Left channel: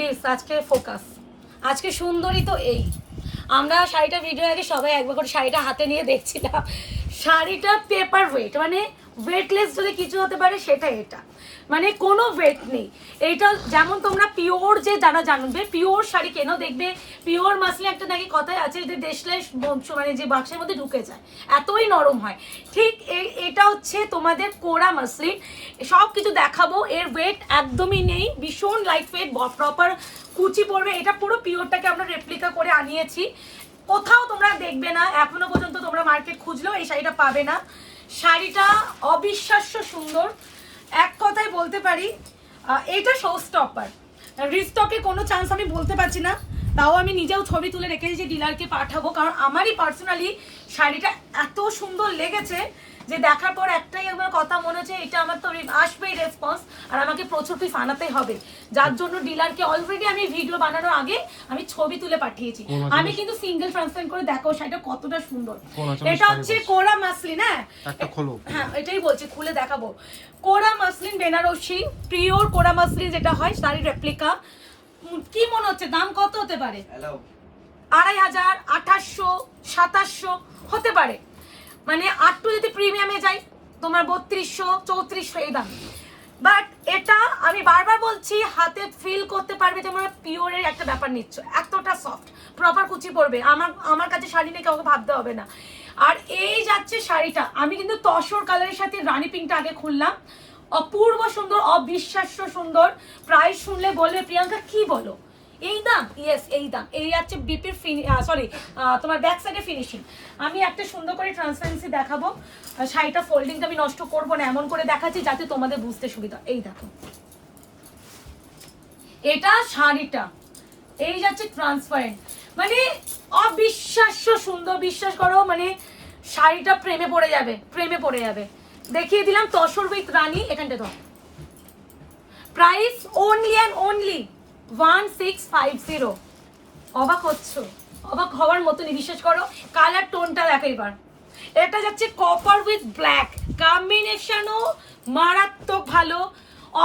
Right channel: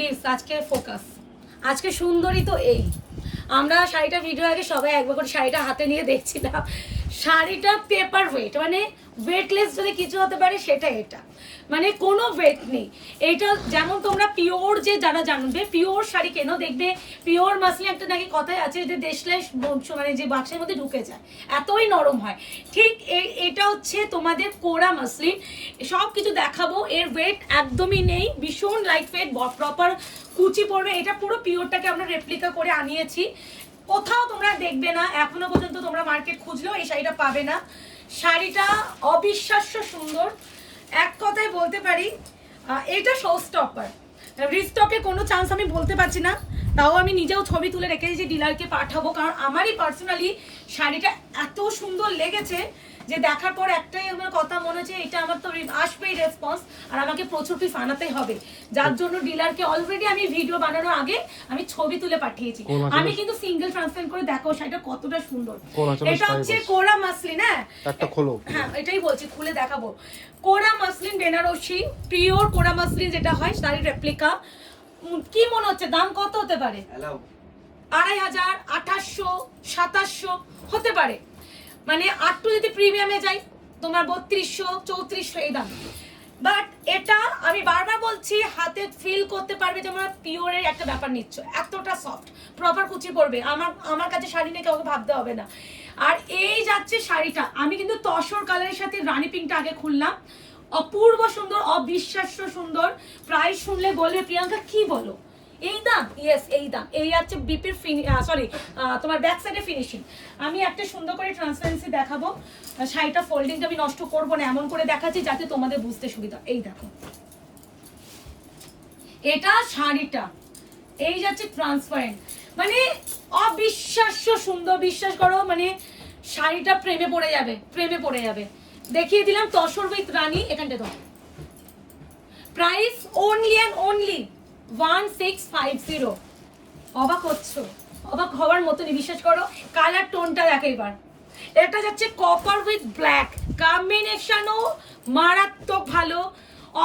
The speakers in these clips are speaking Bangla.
প্লিজ আজকে ফোকাস। আজকে সুন্দরী তো এই আমরা শাড়িটা ভিডিও আগে সবাই একবার করে শাড়িটা হাতে নিয়ে দেখছিলাম। শাড়িটা পেপার ওয়েট, মানে ওয়েটলেস যদি কিছু হতে পারে সেটা এটা, মানে কোনো ওয়েট নেই। এইটা যেমন তোমরা পিওর, যে যারা জানবে পিওর শাড়ি কেন, দেখবে পিওর মাসলিন একটা নাকি কথাই আছে যে দেশলাই মানে যে বাক্সের মধ্যে ঢুকে যায়, এতই নরম হয়। ঠিক এটা হচ্ছে তোমাদের কোরা মাসলিন। সব কিছু দেখাবো, এর ওয়েট একদমই নেই, ভীষণ লাইট ওয়েট, প্রপার কুচি পড়বে। এটা পুরো পিওরটাকে আমরা রেপ্লিকা করে আনিয়েছি, কোথাও তোমরা দেখবে না, এখনো পর্যন্ত তোমরা মার্কেট খুঁজলেও এই শাড়িটা পাবে না। শাড়িটা অবিশ্বাস্য সুন্দর, এক কথায় বলতে পারি এইটা শো স্টপার। রিস্টকে কোনো চান্স আমি বলতে পারছি না, তাও আমি নিজেও ছবি তুলে রেখেছি, ডিলারকে পাঠাবো, কারণ আমারই পার্সোনালি শাড়িটা এত সুন্দর লেগেছে যে দেখার পর একটাই আমার কথা মনে হচ্ছে এটা আমার তো আসবেই রেসপন্স, আর আমাকে প্রচুর পিস আনাতেই হবে, যার জন্য ডিলারকে অলরেডি আমি ভিডিও বানানোর আগে আমি ছবি তুলে পাঠিয়েছি। আমি কিন্তু সিঙ্গেল ট্রান্সফার করে দেখো শাড়িটা কতটা সুন্দর। এটা হচ্ছে কোরা মাসলিন। হ্যাঁ এটাই বলছি, খুলে দেখাবো। কোরা মাসলিন বেনারসি, পিওর কোরা মাসলিন যেটা হয়, শাড়ির রেপ্লিকা। কি মনে হচ্ছে দাম কত হতে পারে? 2500, 2800, 2700 হতে পারে, মানে আটটু যদি প্রিমিয়ামে যাই তোমার 3200, 3400 এই দাম। বাট এটা আমি বারবার বলছি, হাতে ফিল করতে পারবে যে তোমরা পিওরের একটা ব্যাপার নিচ্ছ, এতটা সফট, প্রপার কুচি পড়বে। আমার কাছে শাড়ি নিয়ে কাউকে ভাবতে হবে না। আর এই যাচ্ছে শাড়িটা, আমি কিন্তু তসর কালারের সাথে রানী পিঙ্কটা আগে খুললাম, অপূর্ব সুন্দর, অবিশ্বাস্য সুন্দর। প্রাইস শুনলে বলবে প্রিয়াঙ্কা কি বলো, এই দাম? ইয়েস এই দাম। এই হচ্ছে বিপির সরি তোমার ব্যাক সাইডে ফিনিশিং। আমি একটা সুন্দর করে ট্রান্সপারেন্সি দেখাবো, শাড়িটা ফোল্ডিংটা আমি নষ্ট করবো না, এমন করে দেখাচ্ছি যাতে তোমাদের বুঝতে সুবিধা। এই দেখো এটা শাড়িটা, এই যাচ্ছে ট্রান্সপারেন্ট, মানে অবিশ্বাস্য সুন্দর, বিশ্বাস করো, মানে শাড়িটা প্রেমে পড়ে যাবে, প্রেমে পড়ে যাবে। দেখিয়ে দিলাম তসর উইথ রানী, এখানটা তো প্রাইস অনলি অ্যান্ড অনলি 1650। অবাক হচ্ছ? অবাক হওয়ার মতনই, বিশ্বাস করো। কালার টোনটা দেখো এবার, এটা যাচ্ছে কপার উইথ ব্ল্যাক, কম্বিনেশনও মারাত্মক ভালো।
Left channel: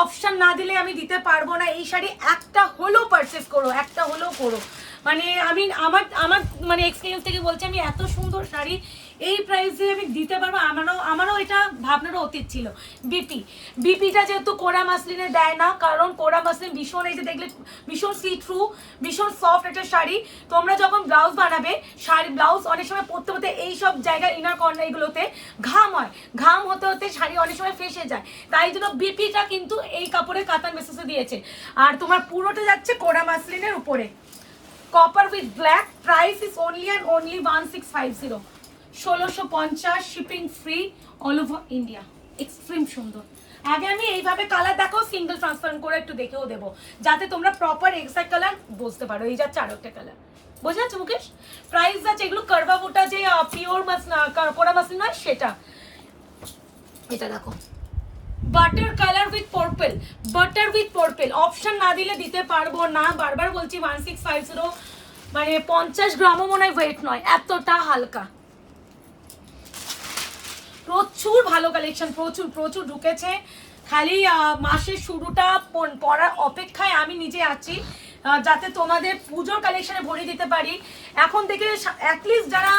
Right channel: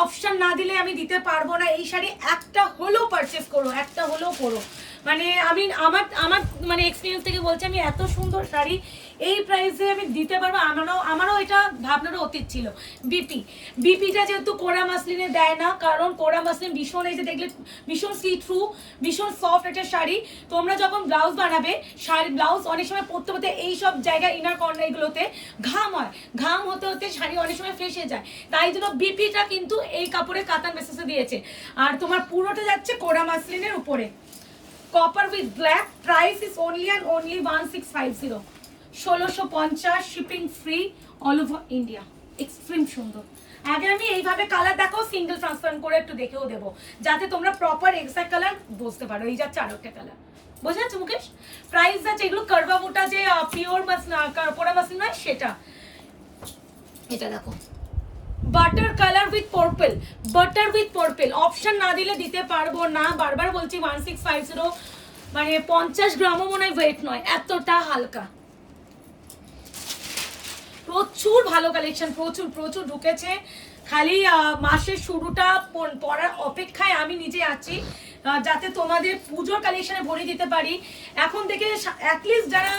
অপশন না দিলে আমি দিতে পারবো না, এই শাড়ি একটা হলেও পারচেস করো, একটা হলেও করো। মানে আমি আমার আমার মানে এক্সপিরিয়েন্স থেকে বলছি, আমি এত সুন্দর শাড়ি এই প্রাইসে আমি দিতে পারবো, আমারও এটা ভাবনারও অতীত ছিল। বিপিটা যেহেতু কোরা মাসলিনে দেয় না, কারণ কোরা মাসলিন ভীষণ, এই যে দেখলে ভীষণ সি থ্রু, ভীষণ সফট একটা শাড়ি। তোমরা যখন ব্লাউজ বানাবে, শাড়ি ব্লাউজ অনেক সময় পরতে পরতে এইসব জায়গায় ইনার কর্নার এগুলোতে ঘাম হয়, ঘাম হতে হতে শাড়ি অনেক সময় ফেসে যায়, তাই জন্য বিপিটা কিন্তু এই কাপড়ের কাতান বেসিসে দিয়েছে। আর তোমার পুরোটা যাচ্ছে কোরা মাসলিনের উপরে, copper with black. Price is only and only 1650, 1650, shipping free all over India. Extreme সুন্দর। আগে আমি এইভাবে কালার দেখো, সিঙ্গেল ট্রান্সফার করে একটু দেখেও দেবো, যাতে তোমরা প্রপার এক্সাক্ট কালার বুঝতে পারো। এই যাচ্ছে আরেকটা কালার, বোঝা যাচ্ছে মুকেশ? প্রাইস যাচ্ছে, এগুলো কারবা মোটা যে পিওর মাছ না, কোরা মাসলিন নয় সেটা। এটা দেখো butter colour with purple, butter with purple. Option না দিলে দিতে পারবো না, বারবার বলছি 1650, মানে 50 গ্রামও মনে হয় ওয়েট নয়, এতটা হালকা। প্রচুর ভালো কালেকশন, প্রচুর প্রচুর ঢুকেছে। খালি মাসের শুরুটা পড়ার অপেক্ষায় আমি নিজে আছি, যাতে তোমাদের পুজোর কালেকশনে ভরে দিতে পারি। এখন থেকে অ্যাটলিস্ট যারা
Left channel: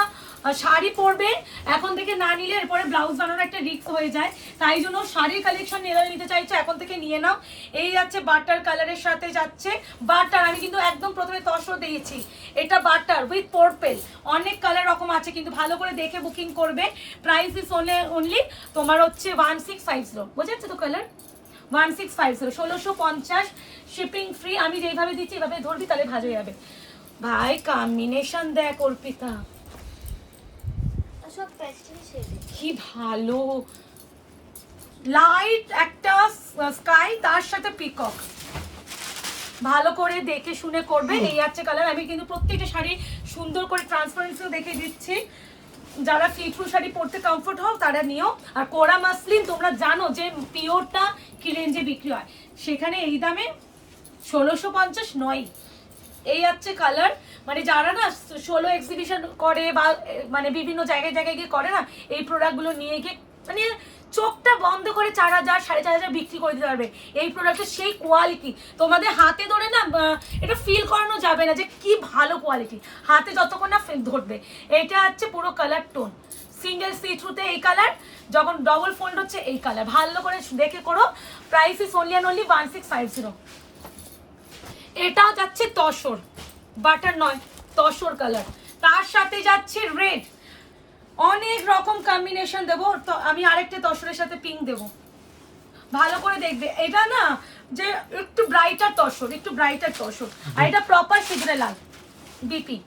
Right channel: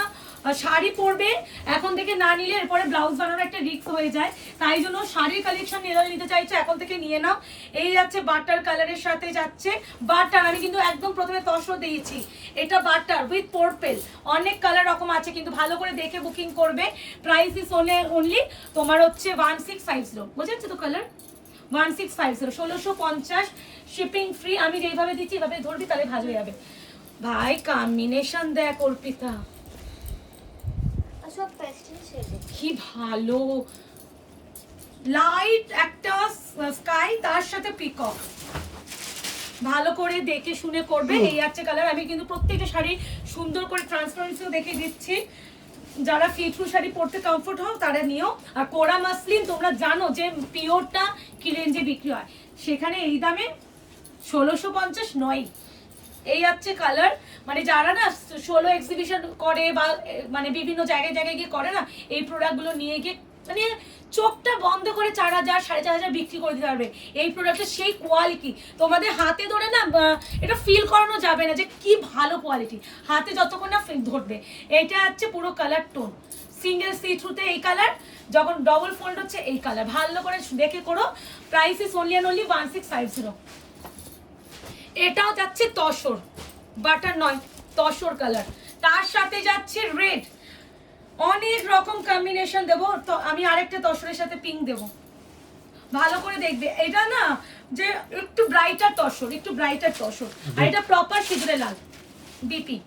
শাড়ি পরবে, এখন থেকে না নিলে এরপরে ব্লাউজ বানানোর একটা রিস্ক হয়ে যায়, তাই জন্য শাড়ির কালেকশন নিতে চাইছো এখন থেকে নিয়ে নাও। এই যাচ্ছে বাটার কালারের সাথে যাচ্ছে বাটার, আমি কিন্তু একদম প্রথমে তসর দিয়েছি, এটা বাটার উইথ পার্পল। অনেক কালার রকম আছে, কিন্তু ভালো করে দেখে বুকিং করবে। প্রাইস ইজ অনলি তোমার হচ্ছে 1650, বুঝে যাচ্ছে তো কালার 1650, 1650, শিপিং ফ্রি। আমি যেইভাবে দিচ্ছি এইভাবে ধরবি তাহলে ভালো যাবে। ভাই কম্বিনেশন দেখ অর্পিতা, কি ভালো, লাইট একটা স্কাই তার সাথে পিকক, ভালো করে দেখে শুনে করবে। এই আছে কালার। আমি কিন্তু প্রত্যেকটা শাড়ি সুন্দর করে ট্রান্সপারেন্সিও দেখে দিচ্ছি, যারা ফিটফু শাড়ি পরতে কমফোর্ট হও তারা নিও। আর কোরা মাসলিন তোমরা জানো যে পিওরটা কি রেঞ্জে বিক্রি হয়, সেখানে এই দামে 1650 নয়। এই হচ্ছে কালার, মানে যারা না 16 এক্সিবিশন করে বা মানে বিভিন্ন জায়গায় জায়গায় গিয়ে করে না, এই প্রোডাক্টগুলো নিয়ে গিয়ে মানে চোখটা বন্ধ করে 4,000 4,500 বিক্রি করে দিতে পারবে এই প্রোডাক্টের সেই কোয়ালিটি। তোমাদের হাতে ধরে না এটা ফিল করানো যাবে না যে কি ভালো কোয়ালিটি, হাতে যতক্ষণ না ধরবে। এটা হচ্ছে পুরো কালার টোন, সিঙ্গেল সি থ্রুতে এই কালার, যখন ডবল ফোল্ড হচ্ছে এই কালার। ভালো করে দেখে করো। Price is only and only 1650। এটাও যাচ্ছে তসর, বাটার নয়, তসর কালার। তার সাথে যাচ্ছে রেড, অনেক রকম কম্বিনেশন দেবো। তো আমি আরেকটা তসরের সাথে পিঙ্ক দেবো, ভালো করে দেখবে। এটা না যে একটু ব্রাইটার তসর, একটু ব্রাইটার তসর, আর এটা প্রপার সিঁদুরে লাল ডিপি।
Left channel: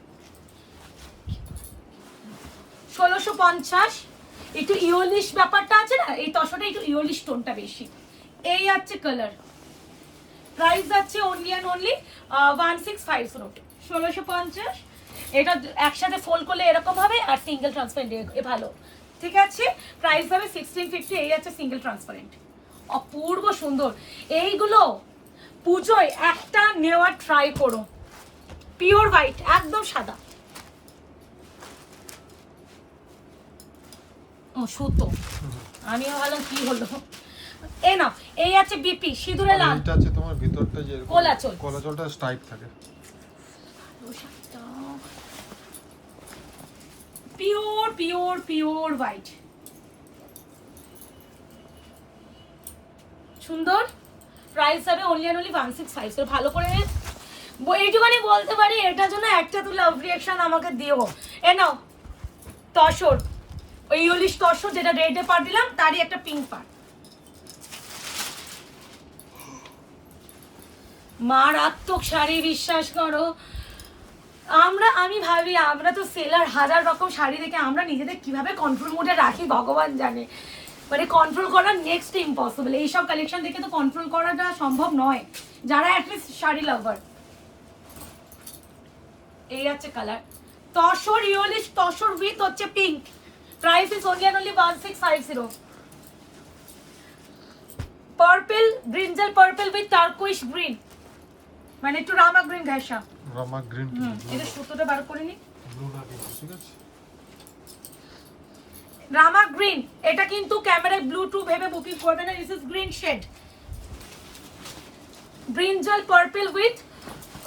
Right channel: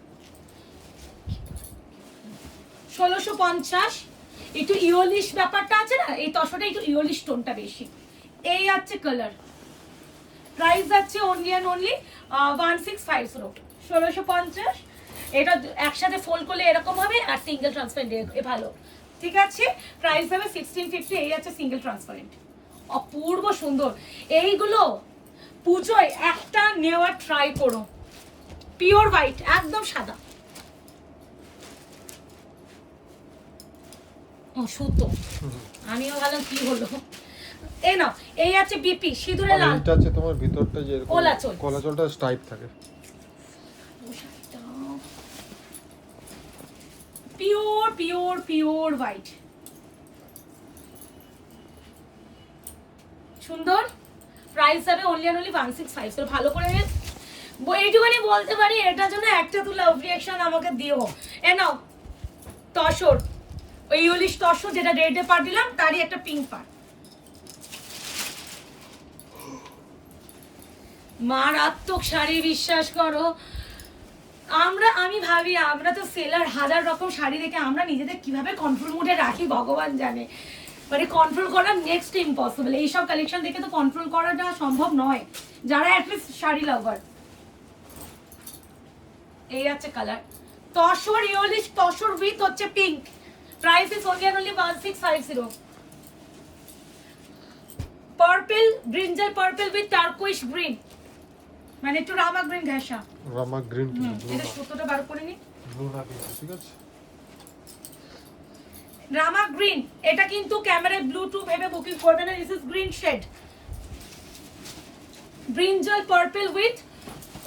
1650। একটু ইয়োলিশ ব্যাপারটা আছে না এই তসরে, একটু ইয়োলিশ টোনটা বেশি। এই আছে কালার। প্রাইস যাচ্ছে অনলি অ্যান্ড অনলি 1650, 1650। এটা একসাথে ফোল্ড করলে এরকম হবে, আর সিঙ্গেল ট্রান্সপারেন্ট এ ভালো, ঠিক আছে। প্রাইস হবে 1650। এই আছে সিঙ্গেল ট্রান্সপারেন্ট, অপূর্ব সুন্দর। এইগুলো পুজোয় একটা নেওয়ার ট্রাই করো। পিওর হোয়াইট, একদম সাদা। ও সুতো, আমি ভাবলাম কি হলো। এ না, এই আছে বিপি সিঁদুরে লাল। এটা আছে তোমার ভিতরটা যে কোলাচল, কোলাচলটা স্ট্রাইপ থাকে। পিওর পিওর পিওর হোয়াইট, সুন্দর। প্রাইস হবে অনলি অ্যান্ড অনলি 1650। ভালো করে এইটুখানি বলতে পারি, এটার জন্য একটা তুই লাভ রিয়াকশন আমাকে দিও। এ নাও তসর, ওই ইউলিশ তসর যেটা রেডে পার দিলাম, তারই একটা পিঙ্ক পার। মারাত্মক শাড়ি, বিশ্বাস করো। আমি ভাবি আমরা তো সেলার, হাজার রকম শাড়ি দেখে আমরা নিজেদের কিভাবে কন্ট্রোল মোডে রাখি ভগবান জানে। মানে কন্ট্রোল করা নেক্সট ইম্পসিবল। এইসব কালেকশন দেখে তো কন্ট্রোল করাটা সম্ভব নয়, যারা অ্যাটলিস্ট শাড়ি লাভার। এই আছে colour tussar, yellowish tussar with হচ্ছে pink. Price is only and only 1650। Purple, brinjal purple with turquoise green, মানে একটু রামা গ্রিন ঘেঁষা। রামা গ্রিন, এটা সুতোটা বার করে নি, ব্লু না গ্রিন, ঠিক আছে। রামা গ্রিন, এটা কিন্তু ক্যামেরায় ব্লু টু ভেবে বুকিং করবে না, this is green shade. Brinjal purple with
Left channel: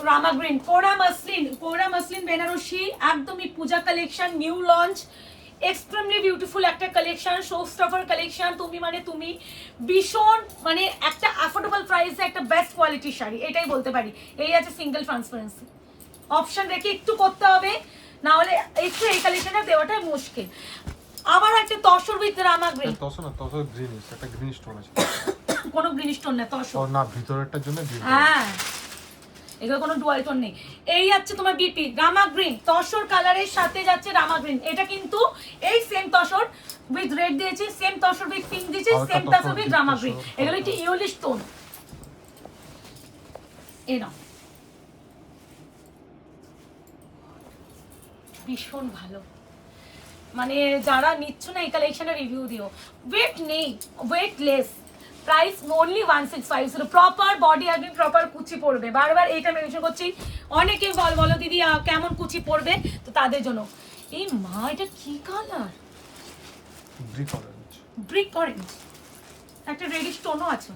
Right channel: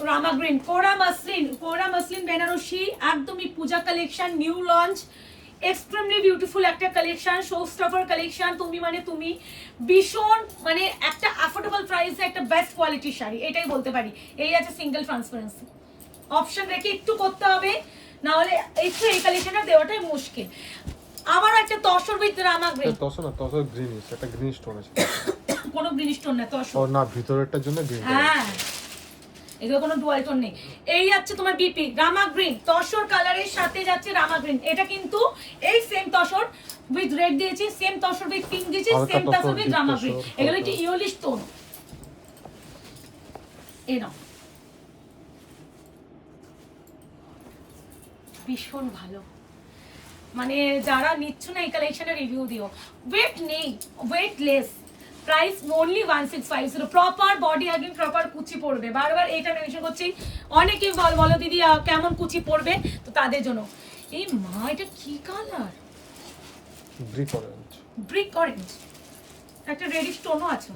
rama green. Kora muslin, kora muslin Banarasi, একদমই Puja collection, new launch, extremely beautiful একটা কালেকশন, শো স্টপার কালেকশন। তুমি মানে তুমি ভীষণ মানে একটা অ্যাফোর্ডেবল প্রাইসে একটা বেস্ট কোয়ালিটির শাড়ি, এটাই বলতে পারি। এই আছে সিঙ্গেল ট্রান্সপারেন্সি, অপশন রেখে একটু করতে হবে, না হলে একটু এই কালেকশনটা দেওয়াটাই মুশকিল। আবার একটা তসর উইথ রামা গ্রিন। তসর না, তসর গ্রিন, একটা গ্রিন স্টোন আছে। কোনো গ্রিন স্টোন না, তসর না, ভিতরেরটার জন্য গ্রিন। হ্যাঁ, এগুলো কোনো ডুয়াল টোন নেই। এই যাচ্ছে তোমার বিপি রামা গ্রিন, তসর কালারের সাথে যাচ্ছে রামা গ্রিন। এটা কিন্তু এই সেম তসর উইথ রেড দিয়েছি, সেম তসর উইথ পিঙ্ক দিয়েছি, same tussar with rama green. এগুলো একটু ইয়োলিশ টোন। এ নাও, ভীষণ ভালো। মানে যারা নিচ্ছ না এই কালেকশনের রিভিউ দিও। ওয়েট নেই, weightless. Price only 1650। Proper body একদিন প্রপার কুচি পড়বে, বারবার এইটা মেনশন করছি। অনেকে বলো দিদি কেমন কুচি পড়বে, তো তাদের জন্য। এই মা, এটা কি colour? Brick orange, brick orange, একটা রেডিশ টোনও আছে।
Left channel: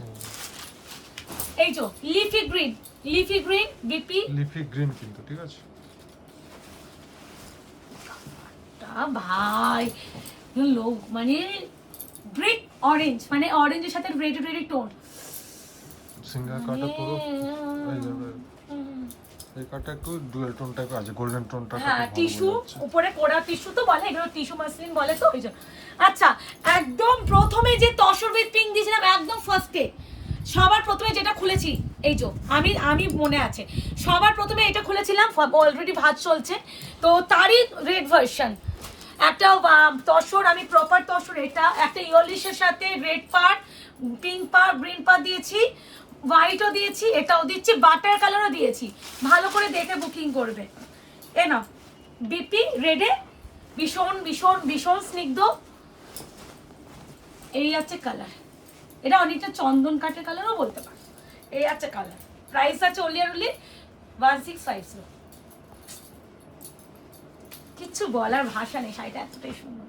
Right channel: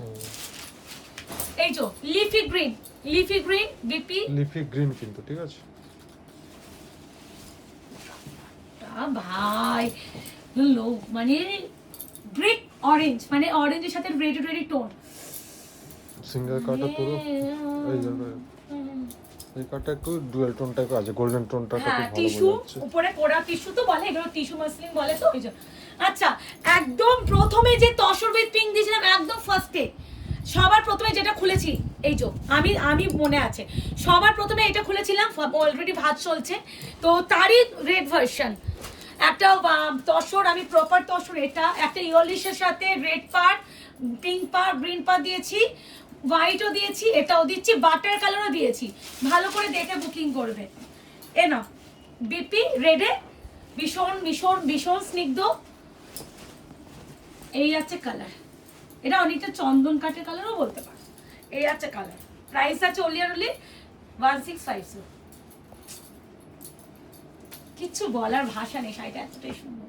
এই যে leafy green, leafy green BP, leafy green কিন্তু, ঠিক আছে। ভাই লোক মানে ব্রিক অরেঞ্জ, মানে অরেঞ্জের সাথে রেড রেড টোন। সিঙ্গেল কাটটা পুরো এই কাটটা একটু ডুয়াল টোন টাইপ আছে, গোল্ডেন টোনটা। হ্যাঁ, টিস্যু উপরে কোড়া টিস্যু তো বলে, এগুলো টিস্যু মাসলিন বলে তো ওই জন্য। আচ্ছা, একদম প্রথমে যে তসর উইথ পিঙ্ক দিয়েছিলাম, একদম ফার্স্টে সবার প্রথমে যেটা খুলেছি, এই যে আমি মনে আছে সবার প্রথমে এটা খুলেছিলাম, অলরেডি ভাত চলছে তো তারই রেড ভার্সন। একটা তসর, আমি প্রপার তসর, এটা একটা ইয়োলিশের সাথে রেড পার, পিঙ্ক পার, গ্রিন পার দিয়েছি, হোয়াইটও দিয়েছি, এটাও দিচ্ছি, বাটার কালারও দিয়েছি। ভালো করে দেখে বুকিং করবে। এ না বিপি রেডে, ভীষণ ভীষণ ভীষণ স্নিগ্ধ। এই আছে কালার, এটা অনেকটা চন্দন কাঠের কালারও বলতে পারো। এই আছে কালার। প্রাইস আছে অনলি আর অনলি 1650। কিচ্ছু বলার ভাষা নেই, শাড়িটা এতটাই সুন্দর।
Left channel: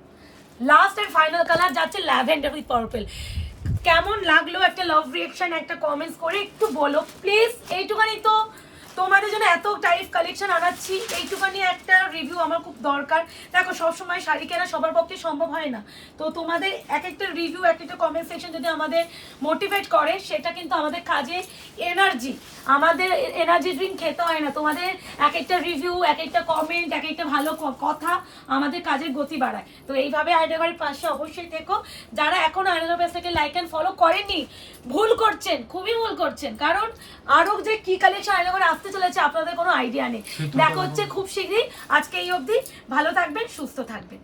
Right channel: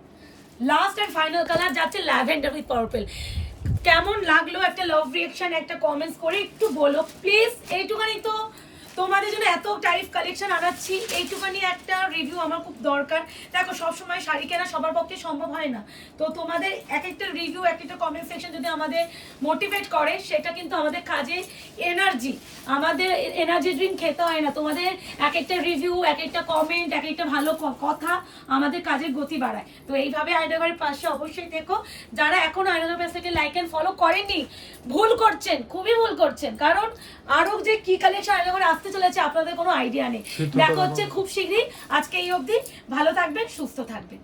লাস্ট এন্ড ফাইনাল কালার যাচ্ছে ল্যাভেন্ডার উইথ পার্পল। কেমন লাগলো একটা লাভ রিঅ্যাকশন, একটা কমেন্টস করে একটু বলো প্লিজ। এইটুখানি তো তোমাদের জন্য এত টাইপ কালেকশন আনাচ্ছি, এইটুখানি একটা রিভিউ আমার খুব দরকার। দেখো সবসময় শাড়ি কেনা সবার পক্ষে সম্ভব হয় না, তো তোমাদের এক একটা রিভিউ, এক একটা কমেন্ট সেকশন যদি আমাদের মোটিভেট করে, সেটা কিন্তু আমাদের কাজে এনার্জি, আমাদের এনার্জি ড্রিঙ্ক খেতে হয় না। তোমাদের এক একটা রিভিউ, এক একটা কমেন্ট, এক একটা ভালো কথা আমাদের কাজের গতি বাড়ায়। তো এইভাবে আয়নাঘরের পাশে অবশ্যই থেকো। যারা এখন আয়নাঘর পেজটাকে লাইক অ্যান্ড ফলো করেনি, ভুল করছেন, খুবই ভুল করছেন, কারণ আরো যে কি কালেকশন আয়নাঘরে আসতে চলেছে আপনাদের কোনো আইডিয়া নেই। দেখা হচ্ছে খুব শীঘ্রই। আজকে এই অবধি, ভালো থাকবেন, সুস্থ থাকবেন।